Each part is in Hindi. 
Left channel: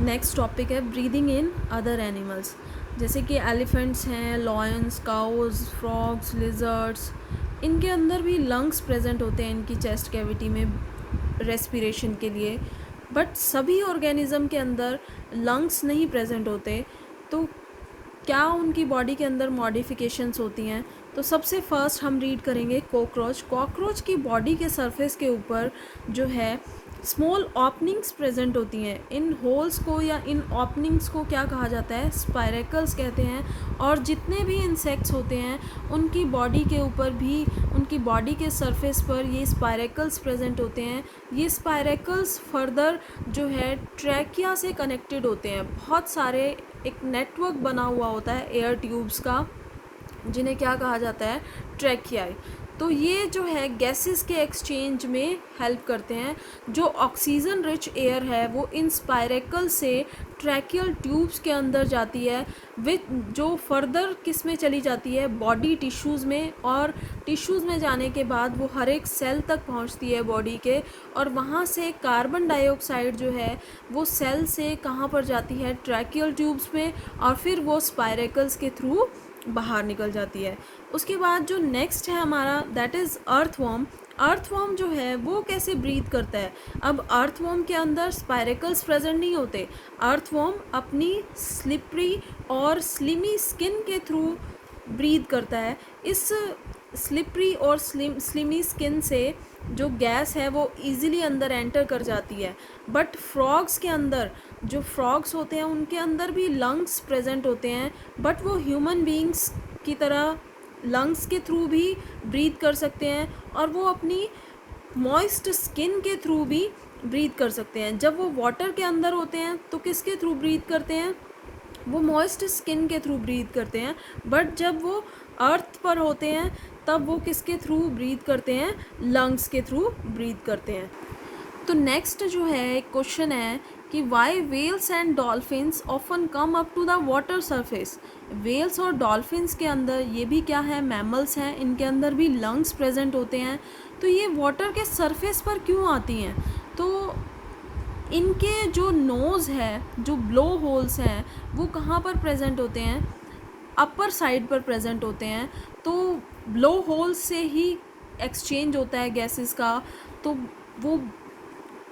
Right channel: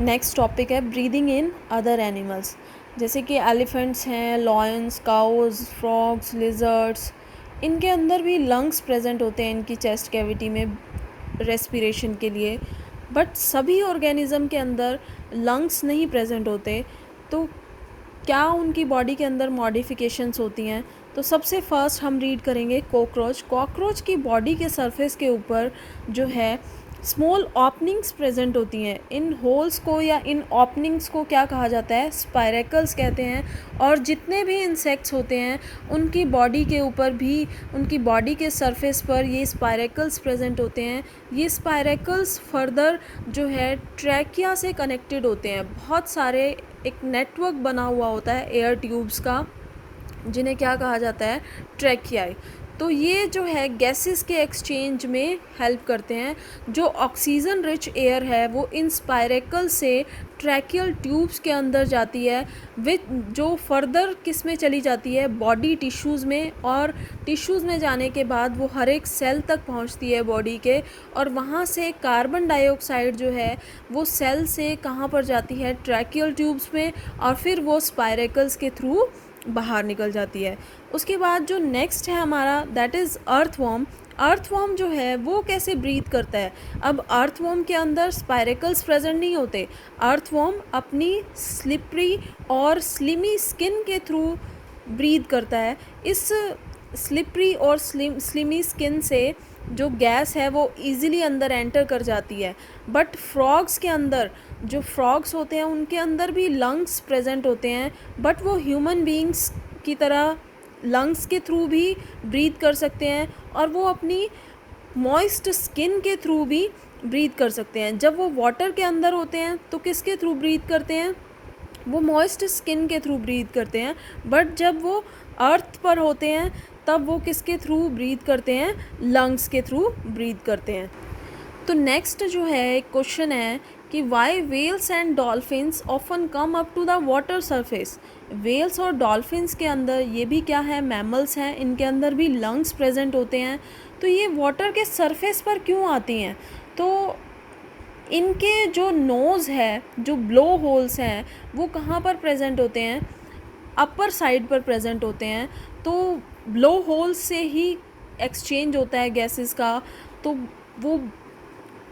नेक्स्ट टॉपिक है ब्रीदिंग इन अदर एनिमल्स, जैसे कि एलिफेंट्स हैं, लॉयंस, काउज, फ्रॉग्स, लिजर्ड्स। इनके अंदर भी लंग्स प्रेजेंट होते हैं इनकी चेस्ट कैविटी में रेस्पिरेशन के लिए। बट सभी ऑर्गेनिज्म के अंदर लंग्स नहीं प्रेजेंट होते। तो क्या उनकी बॉडी के अंदर मॉडिफिकेशंस होती हैं? तो सबसे फर्स्ट हम रीड करेंगे कॉकरोच। कॉकरोच की बॉडी के सरफेस के ऊपर जो है स्मॉल ओपनिंग्स प्रेजेंट होती हैं। इन होल्स को या इन ओपनिंग्स को क्या कहा जाता है? स्पायरेकल्स कहते हैं। और जितने भी इंसेक्ट्स होते हैं उनकी बॉडी के ऊपर भी, उनकी बॉडी के सरफेस पर ये स्पायरेकल्स प्रेजेंट होते हैं। ये स्पायरेकल्स फर्दर जो है ट्रैकिया से कनेक्टेड होते हैं। बहुत सारे एक नेटवर्क बना हुआ होता है एयर ट्यूब्स का, जिन्हें क्या कहा जाता है? ट्रैकियाई। तो ये जो है गैसेस के एक्सचेंज में हेल्प करते हैं। जो ऑक्सीजन रिच एयर है वो इन स्पायरेकल से ट्रैकियल ट्यूब्स के अंदर जाती है, विच जो फर्दर किस में चली जाती है? बॉडी टिश्यूज़ में। और टिश्यूज़ में जाने के बाद वो हर एक सेल तक पहुंचती है बॉडी के, और वहाँ से कार्बन डाइऑक्साइड जो है वो सेल से कहाँ पर जाती है? ट्रैकियल ट्यूब्स में, और फिर वो स्पायरेकल्स के थ्रू बाहर निकल जाती है। उसके बाद जो नेक्स्ट है हमारा, दैट इज़ अर्थवॉर्म। अर्थवॉर्म जो है वो कैसे ब्रीथ करता है? अब अर्थवॉर्म के अंदर स्पायरेकल्स प्रेजेंट नहीं होते। अर्थवॉर्म अपनी स्लिपरी और स्लिमी स्किन के थ्रू ब्रीथ करता है। इस स्लिपरी और स्लिमी स्किन से जो गैस है वो इजीली अंदर एंटर कर जाती है। बट फ्रॉग्स के अंदर, जो फ्रॉग्स होते हैं उनके अंदर भी लंग्स प्रेजेंट होते हैं, बट वो ह्यूमन बीइंग्स की तरह लंग्स के थ्रू भी ब्रीथ कर सकते हैं, और वो अपनी मॉइस्ट स्किन के थ्रू भी ब्रीथ कर सकते हैं। जब वो वाटर के अंदर होते हैं तो किसके थ्रू ब्रीथ करते हैं? वो मॉइस्ट स्किन के थ्रू ब्रीथ करते हैं। बट जब वो अर्थ पर होते हैं तब वो किसके थ्रू ब्रीथ करते हैं? लंग्स के थ्रू ब्रीथ करते हैं। तो नेक्स्ट जो है एक क्वेश्चन है कि why whales and dolphins often come up to the water surface. Whales और डॉल्फिन्स के अंदर ये भी क्या है? मैमल्स हैं, इनके अंदर भी लंग्स प्रेजेंट होते हैं। तो ये वाटर के सरफेस पर क्यों आती हैं? तो इनके जो नोज़ है, जो ब्लो होल्स हैं, वो कहाँ पर प्रेजेंट होते हैं? अपर साइड पर प्रेजेंट होते हैं। तो ब्लो होल्स से ही एक्सचेंज होता है गैसेस का। तो वो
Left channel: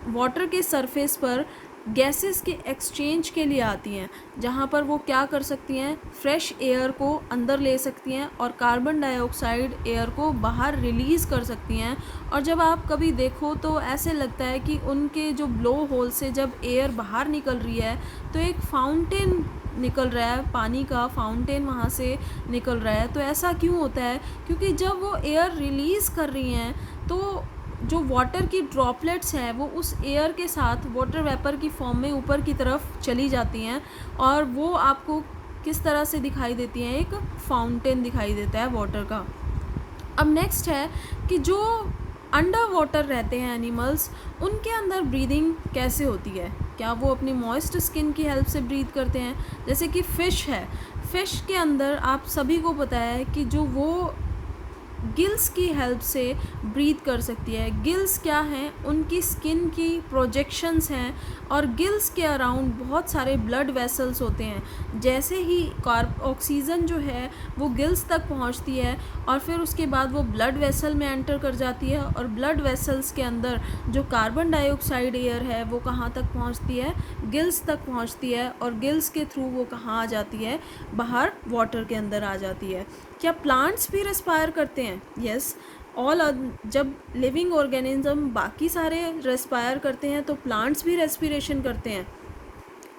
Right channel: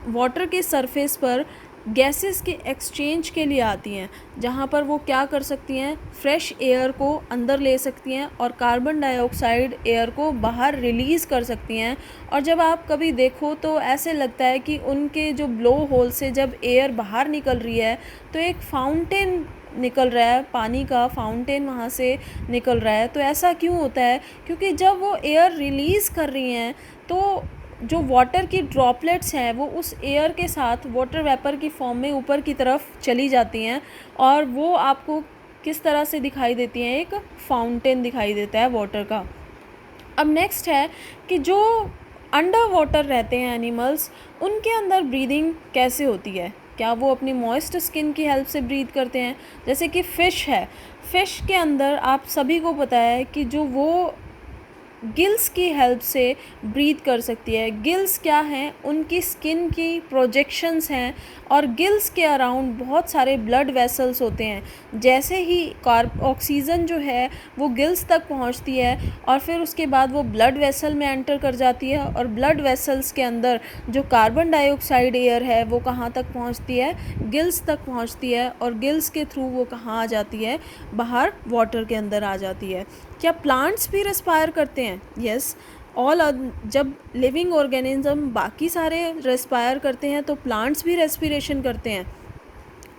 वाटर के सरफेस पर गैसेस के एक्सचेंज के लिए आती हैं, जहाँ पर वो क्या कर सकती हैं? फ्रेश एयर को अंदर ले सकती हैं और कार्बन डाइऑक्साइड एयर को बाहर रिलीज़ कर सकती हैं। और जब आप कभी देखो तो ऐसे लगता है कि उनके जो ब्लो होल से जब एयर बाहर निकल रही है तो एक फाउंटेन निकल रहा है, पानी का फाउंटेन वहाँ से निकल रहा है। तो ऐसा क्यों होता है? क्योंकि जब वो एयर रिलीज़ कर रही हैं तो जो वाटर की ड्रॉपलेट्स हैं वो उस एयर के साथ वाटर वेपर की फॉर्म में ऊपर की तरफ चली जाती हैं, और वो आपको किस तरह से दिखाई देती हैं? एक फाउंटेन दिखाई देता है वाटर का। अब नेक्स्ट है कि जो अंडर वाटर रहते हैं एनिमल्स, उनके अंदर ब्रीदिंग कैसे होती है? क्या वो अपनी मॉइस्ट स्किन की हेल्प से ब्रीथ करते हैं? जैसे कि फ़िश है, फ़िश के अंदर आप सभी को पता है कि जो वो गिल्स की हेल्प से ब्रीथ कर सकती है। गिल्स क्या हैं? उनकी स्किन की प्रोजेक्शंस हैं, और गिल्स के अराउंड बहुत सारे ब्लड वेसल्स होते हैं। जैसे ही ऑक्सीजन जो है वो गिल्स तक पहुंचती है, और फिर उसके बाद वो ब्लड वेसल में एंटर कर जाती है, और ब्लड वेसल्स के अंदर जो कार्बन डाइऑक्साइड एयर है वो कहाँ तक पहुंचती है? गिल्स तक पहुंचती है, और गिल्स के थ्रू वो कहाँ आ जाती है? बाहर वाटर के अंदर आ जाती है। क्या प्लांट्स भी रेस्पायर करते हैं? Yes, all. जब लिविंग ऑर्गेनिज्म बाकी सारे रेस्पायर करते हैं तो प्लांट्स भी रेस्पिरेशन करते हैं।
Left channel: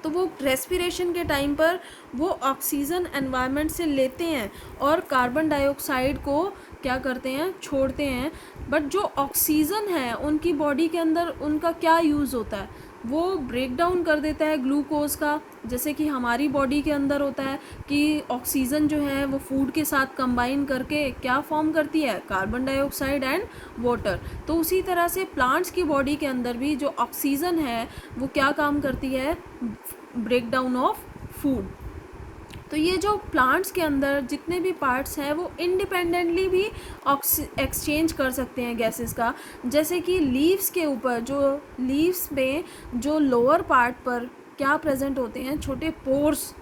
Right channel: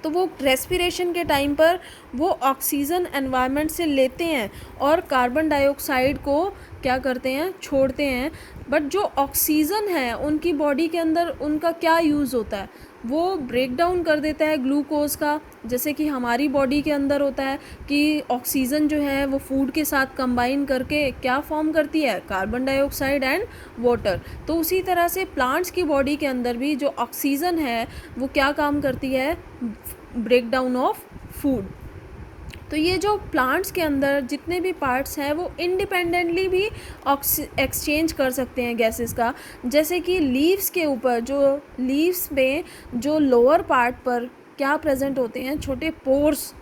तो वो रेस्पिरेशन के टाइम पर वो ऑक्सीजन एनवायरनमेंट से लेते हैं और कार्बन डाइऑक्साइड को क्या करते हैं? छोड़ते हैं। बट जो ऑक्सीजन है उनकी बॉडी के अंदर उनका क्या यूज़ होता है? वो ब्रेक डाउन कर देता है ग्लूकोज का, जैसे कि हमारी बॉडी के अंदर होता है कि ऑक्सीजन जो है वो फूड के साथ कंबाइन करके क्या फॉर्म करती है? Carbon dioxide and water. तो उसी तरह से प्लांट्स की बॉडी के अंदर भी जो ऑक्सीजन है वो क्या काम करती है? Break down of food. तो ये जो प्लांट्स के अंदर जितने भी पार्ट्स हैं वो इंडिपेंडेंटली भी एक्सचेंज कर सकते हैं गैसेस का। जैसे कि लीव्स के ऊपर, जो लीव्स में जो लोअर पार्ट पर क्या प्रेजेंट होते हैं, छोटे पोर्स,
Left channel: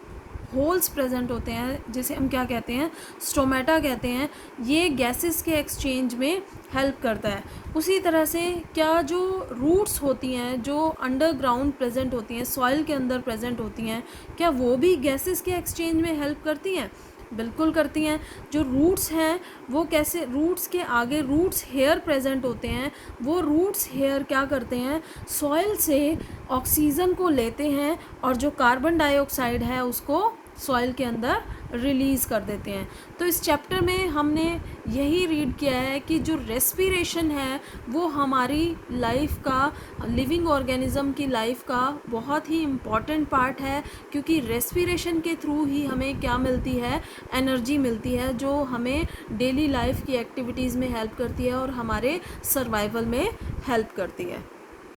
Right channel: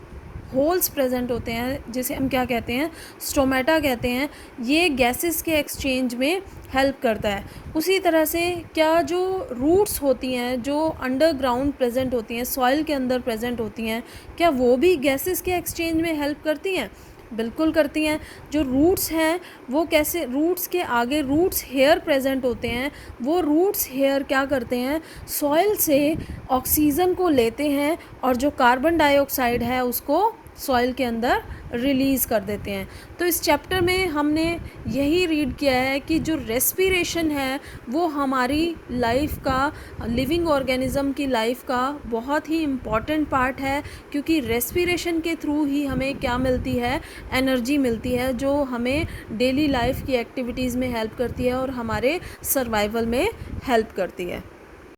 होल्स प्रेजेंट होते हैं, जिसे हम क्या कहते हैं, स्टोमेटा कहते हैं। ये गैसेस के एक्सचेंज में हेल्प करता है। उसी तरह से क्या जो रूट्स होती हैं, जो अंडरग्राउंड प्रेजेंट होती हैं, सॉइल के अंदर प्रेजेंट होती हैं, क्या वो भी गैसेस के एक्सचेंज में हेल्प करती हैं? बिल्कुल करती हैं। जो रूट्स हैं वो कैसे, रूट्स के आगे रूट्स हेयर प्रेजेंट होते हैं। वो रूट्स हेयर क्या करते हैं, सॉइल से ऑक्सीजन को लेते हैं और जो कार्बन डाइऑक्साइड है उसको सॉइल के अंदर रिलीज़ कर देते हैं। तो इस चैप्टर में हमने यही रीड किया है कि जो रेस्पिरेशन है वो हमारी लाइफ का, लिविंग ऑर्गेनिज्म की लाइफ का बहुत ही इम्पॉर्टेंट पार्ट है, क्योंकि रेस्पिरेशन के थ्रू ही हमें क्या मिलती है, एनर्जी मिलती है, जो हमें डेली लाइफ की एक्टिविटीज़ में हेल्प करती है और हमारे सर्वाइवल में हेल्प करती है।